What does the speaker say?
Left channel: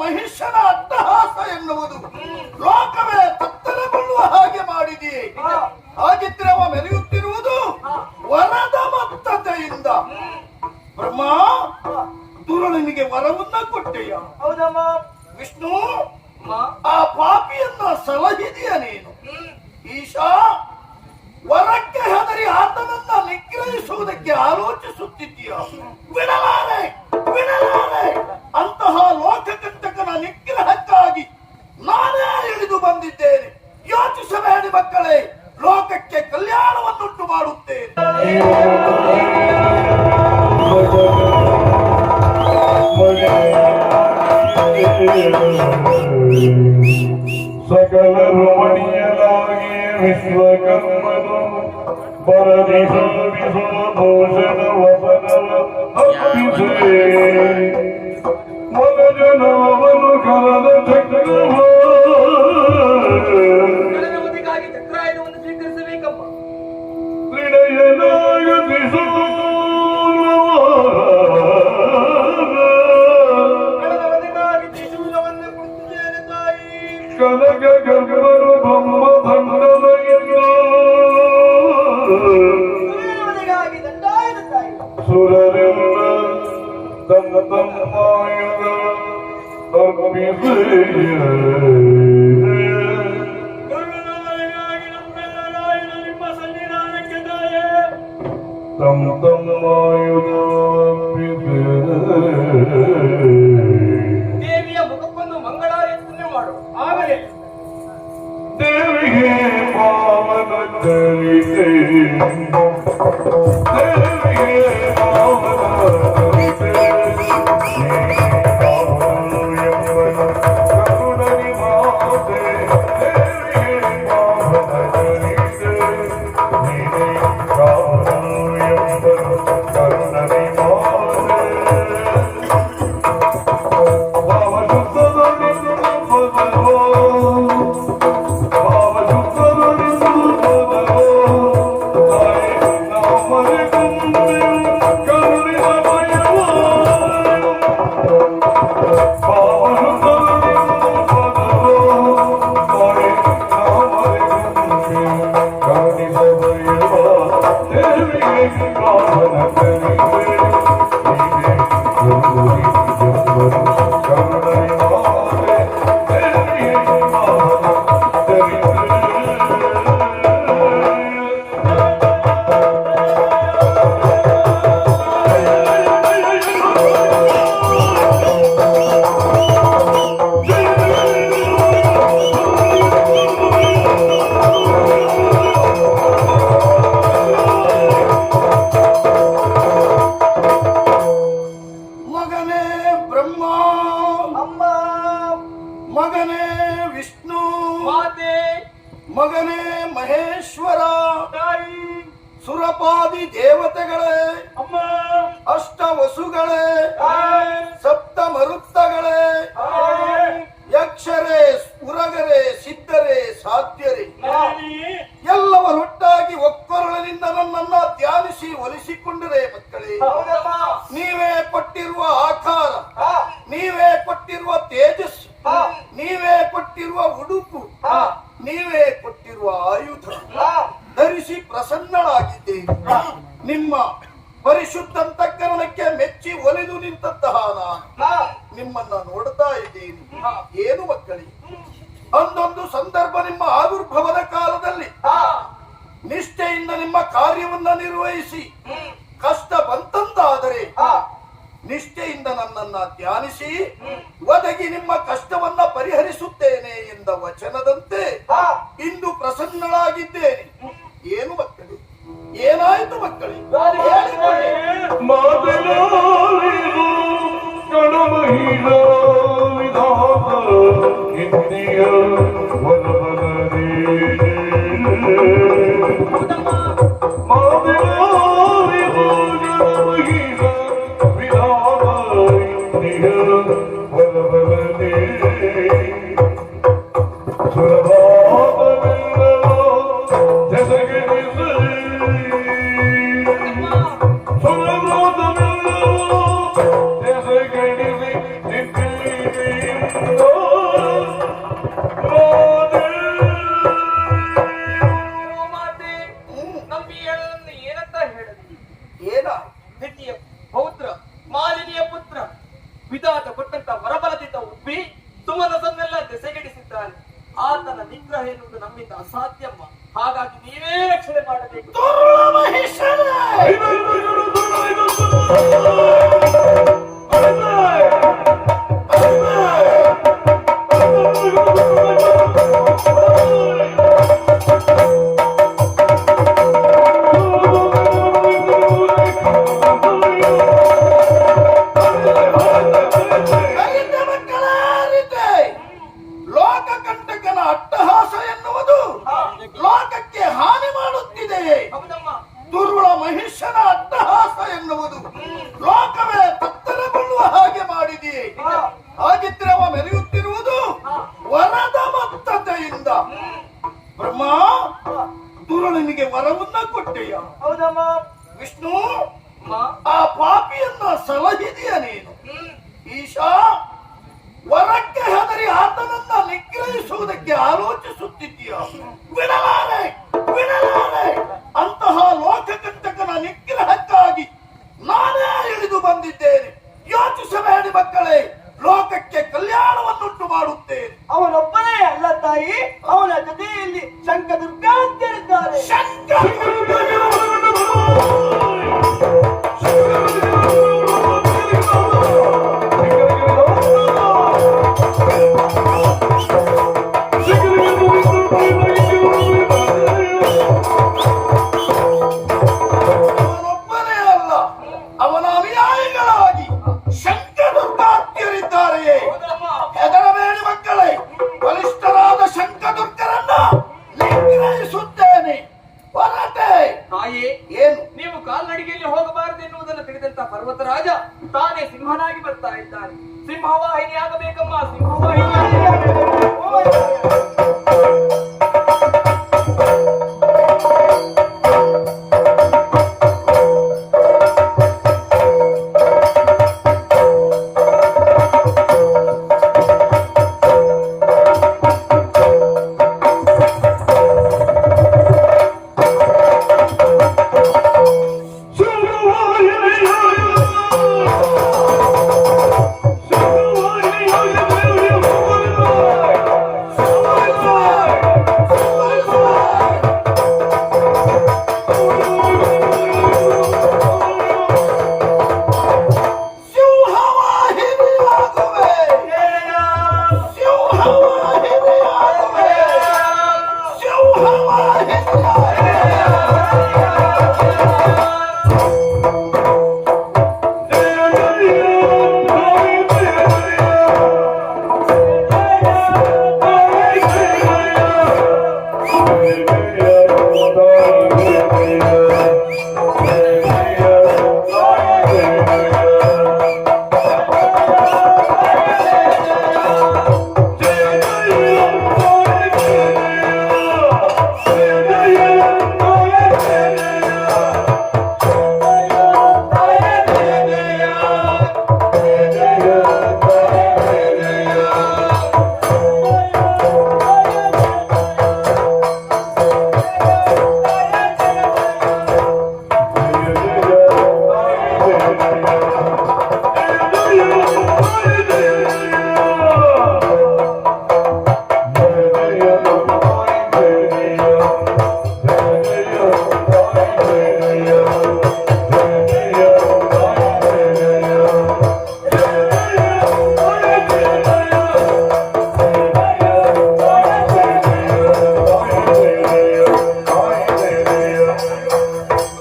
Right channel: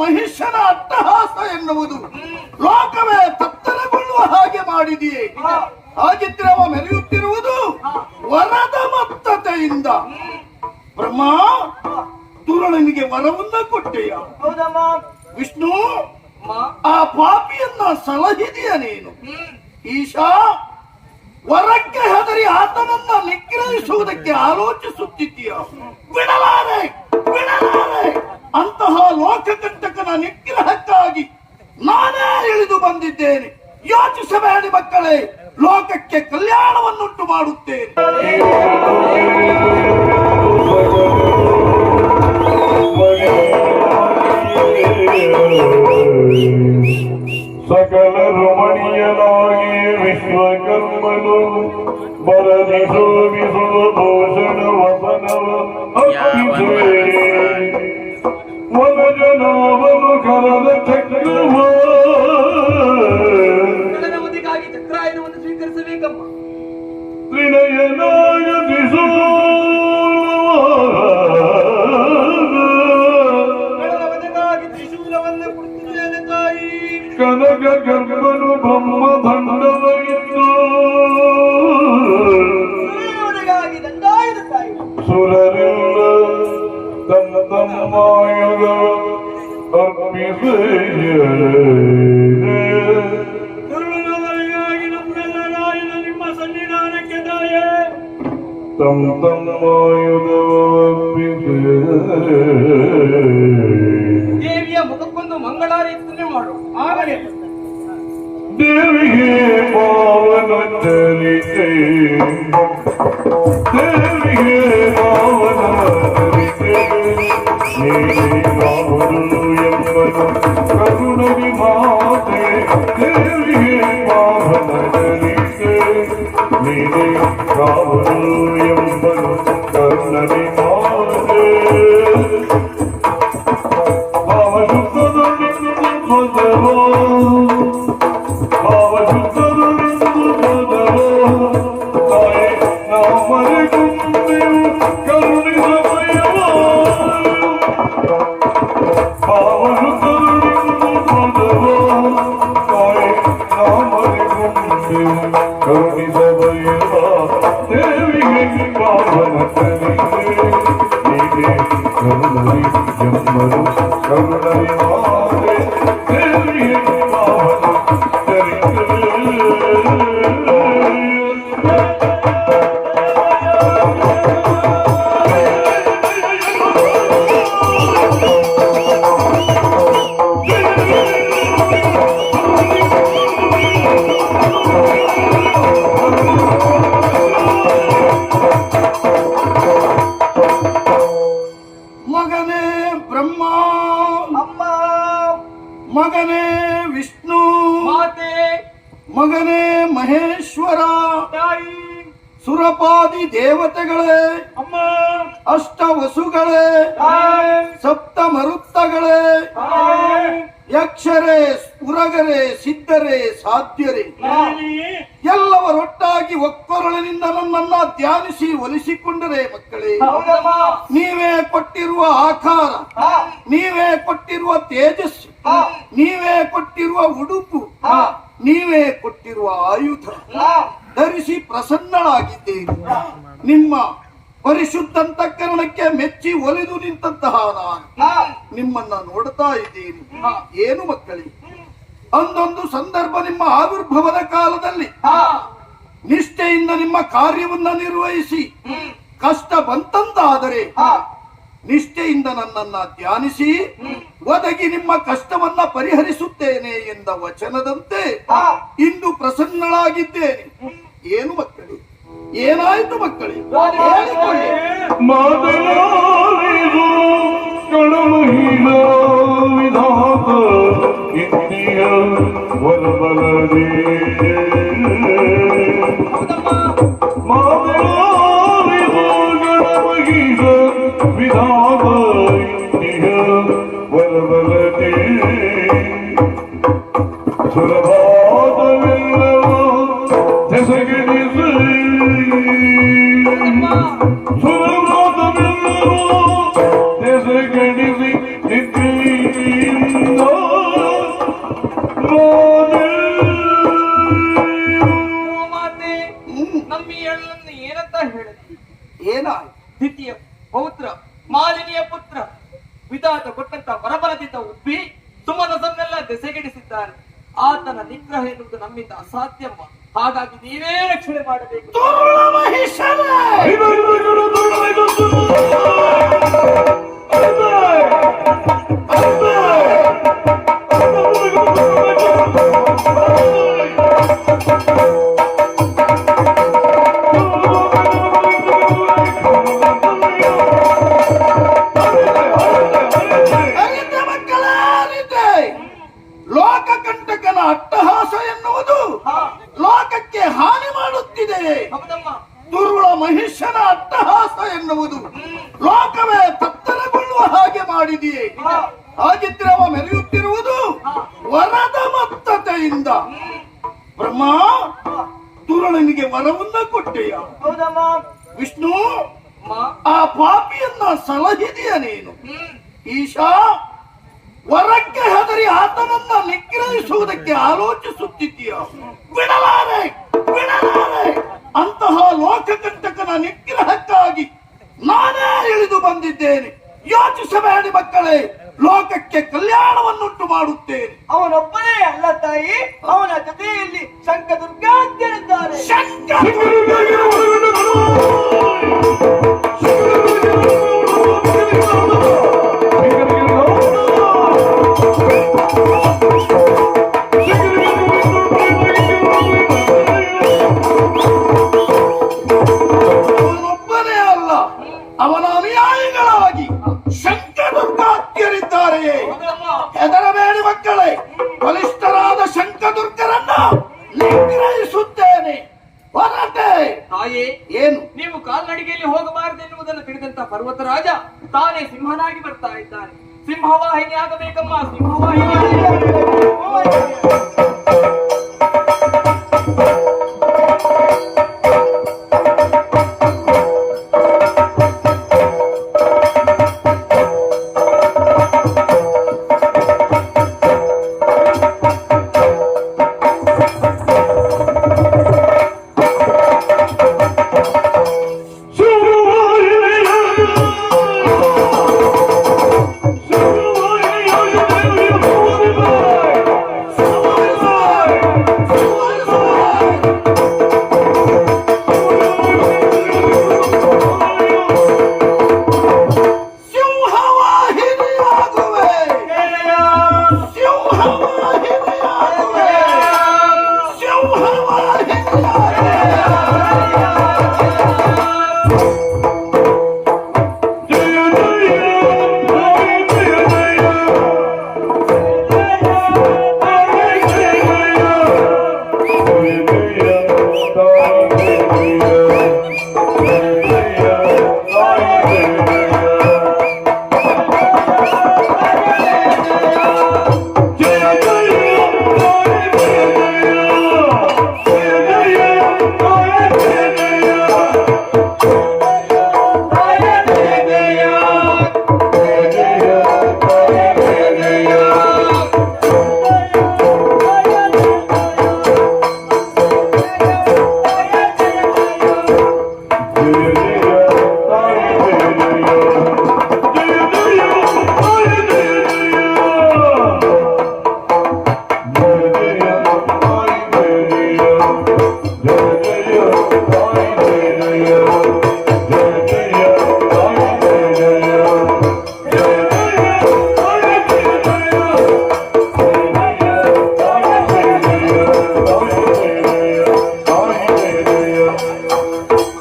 ಮಹಿಷನ ಅಟ್ಟಹಾಸ ಎನ್ನುವುದು ಲೋಕವೇ ತತ್ತರಗೊಳ್ಳುವ ಹಾಗೆ ಮಾಡಿದೆಯೇ. ಹಾಗಿದ್ರೆ ಅವ ಮೆರೆಯುತ್ತಿರುವುದು ವರದ ಮತ್ತತೆಯಿಂದ. ಬ್ರಹ್ಮ, ದುರುಳನಿಗೆ ವರವನ್ನ ಕೊಟ್ಟೆಯ. ವಿಷ್ಣು, ಆ ಪಾಪಿಯನ್ನ ಸಲಹಿದೆಯ ನೀನು. ಈಶಾ, ವರಕ್ಕೆ ಹೆದರಿ ಆತನನ್ನ ನಿಗ್ರಹಿಸುವುದಕ್ಕೆ ಆಲೋಚಿಸುತ್ತಿದ್ದೀಯ. ಬಿಡಲಾರೆ ಬಿಡಲಾರೆ. ಅಂತಹ ಲೋಕಕಂಟಕನ ನಿಗ್ರಹಕ್ಕಾಗಿ ನಾನೇ ಇಳಿದು ಬಂದಿದ್ದೇನೆ. ಯೋಚಿಸಬೇಡಿ ಮಕ್ಕಳೇ, ಲೋಕಕ್ಕೆ ಕಲ್ಯಾಣವನ್ನುಂಟು ಮಾಡುತ್ತೇನೆ. ಸಕಲರು ಮಣಿಯಲಾಗಿ ವಿಶ್ವಕರ್ಮನು ಬರದಿಸೋ ಭೂಷಣ ವಸನವ ವನಜನಾವನು ಕರನ ಚಕ್ರವ ಚಕ್ರಾಯನವನ್ನು ಸ್ವೀಕರಿಸಬೇಕಪ್ಪ. ತ್ರಿನಯನಾಗತಿಸೋ ಕನಕ ಗರ್ಗರು ಬ್ರಹ್ಮ ದಂಡದೈತು ಸುರರಿಲ್ಲ ತನ್ನ ತಮ್ಮಾಯುಧ ಅರ್ಪಿಸಿ ನಿಮ್ಮ ಸನ್ನಿಧಾನಕ್ಕೆ ದಾಯ ತಮ್ಮಾಯುಧ ಅರ್ಪಿಸಿ ದೇವಿಯ ಮುಖಕ್ಕೊಂದು ಮಂಗಳಾರತಿಯನ್ನು ಮಾಡು. ಆಗಲೇ ದೇವಿಗೆ ಪಾವನ ಚರಿತೆ, ದೇವಿಗೆ ಪಾವನ ಚರಿತೆ, ನೀನು ಎಂಬನು ಕರುಣರಿ ಮಾತೆ. ದೇವಿಗೆ ಪಾವನ ಚರಿತೆ, ನೀನೇ ಕಾವಲು ಎಂಬನು ಕರುಣರಿ ಮಾತೆ. ಮಗನೇ ವಿಷ್ಣು, ಮಾತೆ, ಮಗನೇ ಮಹೇಶ್ವರ, ತಾಯಿ, ಸುರಪಾದಿ ದೇವತೆಗಳೇ, ಅಮ್ಮ, ಅಷ್ಟ ವಸುಗಳೇ, ಸಪ್ತ ಮರುತ್ತಗಳೇ, ಯಕ್ಷರೇ, ಸ್ಫುರಗರೇ, ಸಿದ್ಧರೇ, ಸಾಧ್ಯರೇ, ಎಲ್ಲವರೊಟ್ಟಾಗಿ ಒಕ್ಕೊರಳಿನಿಂದ ನನ್ನನ್ನ ಧ್ಯಾನಿಸಿ ಒಲಿಸಿಕೊಂಡರೆ ಮಕ್ಕಳೇ, ನೀವೇ ಕೊಟ್ಟಿರುವ ಆಕಾರ, ನೀವೇ ಕೊಟ್ಟಿರುವ ತೇಜಸ್ಸು, ನೀವೇ ಕೊಟ್ಟಿರುವ ಉಡುಪು, ನೀವೇ ಕೊಟ್ಟಿರುವ ಆಯುಧ ಧರಿಸಿ ಪ್ರಸನ್ನಳಾಗಿದ್ದೇನೆ. ನಿಮ್ಮ ಪರಿಶುದ್ಧ ಅಂತಃಕರಣಕ್ಕೆ ಮೆಚ್ಚಿ ಒಲಿದು ನಿಂತಹ ನಾನು ನಿಮ್ಮನ್ನ ನೋಡ್ತಾ ಇದ್ದೇನೆ. ಏನು ಮಕ್ಕಳೇ, ಒಂದೊಂದು ಸಂದರ್ಭ ನಿಮ್ಮ ಆವಿರ್ಭವದ ಕಾಲದಲ್ಲಿ ನಿಷ್ಠೆಯಿಂದ ನಿಮ್ಮ ಕಾರ್ಯವನ್ನ ನಿರ್ವಹಿಸಿ ಕಷ್ಟ ಬಂತಂತಾದರೆ ನಿಷ್ಠೆಯಿಂದ ನನ್ನನ್ನ ಧ್ಯಾನಿಸಿ ಒದಗಿ ನಿಮ್ಮ ಕಷ್ಟವನ್ನ ಪರಿಹರಿಸುತ್ತೇನೆ ಎಂದ ವಚನದಂತೆ ಇಂದು ಪ್ರಸನ್ನಳಾಗಿದ್ದೇನೆ. ಏನು ಮಕ್ಕಳೇ, ಏನಾಯ್ತು ಮಕ್ಕಳೇ, ಹೇಳಿಕೊಳ್ಳಿ. There's a ವಿಧಾತ ಕೊಟ್ಟಂತ ವರಬಲದಿಂದ ಉಬ್ಬಿ ಸುಮನಸನ್ನೆಲ್ಲ ದೆಸೆಗೆಡಿಸಿದ್ದಾನೆ. ಆತನ ನಿಗ್ರಹ ಎನ್ನುವುದು ನಮ್ಮಿಂದ ಅಸಾಧ್ಯಮ್ಮ. ಹಾಗಾಗಿ ನೀವೇ ರಕ್ಷಣೆ ಮಾಡಬೇಕು. ದುರುಳ ಮಹಿಷರೇ! ಅರಿತೆ ಮಕ್ಕಳೇ, ಅರಿತೆ. ಲೋಕಕಂಟಕನ ಅಟ್ಟಹಾಸ ಎನ್ನುವುದು ಲೋಕಕ್ಕೆ ಹಾನಿ ಮಾಡುತ್ತಿದೆ. ಹೌದಮ್ಮ. ದುರ್ಬಲ ಮಹಿಷನ ಅಟ್ಟಹಾಸ ಎನ್ನುವುದು ಲೋಕವೇ ತತ್ತರಗೊಳ್ಳುವ ಹಾಗೆ ಮಾಡಿದೆಯೇ. ಹಾಗಿದ್ರೆ ಅವ ಮೆರೆಯುತ್ತಿರುವುದು ವರದ ಮತ್ತತೆಯಿಂದ. ಬ್ರಹ್ಮ, ದುರುಳನಿಗೆ ವರವನ್ನ ಕೊಟ್ಟೆಯ. ಹೌದಮ್ಮ. ವಿಷ್ಣು, ಅಮ್ಮ. ಆ ಪಾಪಿಯನ್ನ ಸಲಹಿದೆಯ ನೀನು. ಈಶಾ, ವರಕ್ಕೆ ಹೆದರಿ ಆತನನ್ನ ನಿಗ್ರಹಿಸುವುದಕ್ಕೆ ಆಲೋಚಿಸುತ್ತಿದ್ದೀಯ. ಬಿಡಲಾರೆ, ಬಿಡಲಾರೆ. ಅಂತಹ ಲೋಕಕಂಟಕನ ನಿಗ್ರಹಕ್ಕಾಗಿ ನಾನೇ ಇಳಿದು ಬಂದಿದ್ದೇನೆ. ಯೋಚಿಸಬೇಡಿ ಮಕ್ಕಳೇ, ಲೋಕಕ್ಕೆ ಕಲ್ಯಾಣವನ್ನುಂಟು ಮಾಡುತ್ತೇನೆ. ಅವನೊಬ್ಬನೇ ಅಲ್ಲ ತಾಯಿ, ಅವನ ಜೊತೆಯಲ್ಲಿ ಶಂಕದುರ್ಗ ಅಂತ ಇದ್ದಾರೆ. ಅವನೊಬ್ಬನೇ ಅಲ್ಲ, ಅವನ ಅನುಯಾಯಿಗಳಾಗಿ ಶಂಕದುರ್ಗಾತ್ಯರಿದ್ದಾರೆಯೇ. ಹೆದರಬೇಡಿ ಮಕ್ಕಳೇ, ಬಲಿಷ್ಠರಾದ ಶಂಕದುರ್ಗರನ್ನ ನಿಗ್ರಹಿಸುತ್ತೇನೆ. ಹೊರಟೆ. ತಾಯೇ, ಏನು? ನೀವು ಕಾಲ್ನಡಿಗೆಯಲ್ಲಿ ಹೋಗಬಾರದೆನ್ನುವುದನ್ನು ತಿಳಿದಂತ ಪರ್ವತರಾಜ ತಾನೇ ಸಿಂಹನಾಗಿ ಬರ್ತಾ ಇದ್ದಾನೆ. ಸಿಂಹವಾಹಿನಿ ಆಗಬೇಕಮ್ಮ, ಸಿಂಹವಾಹಿನಿ.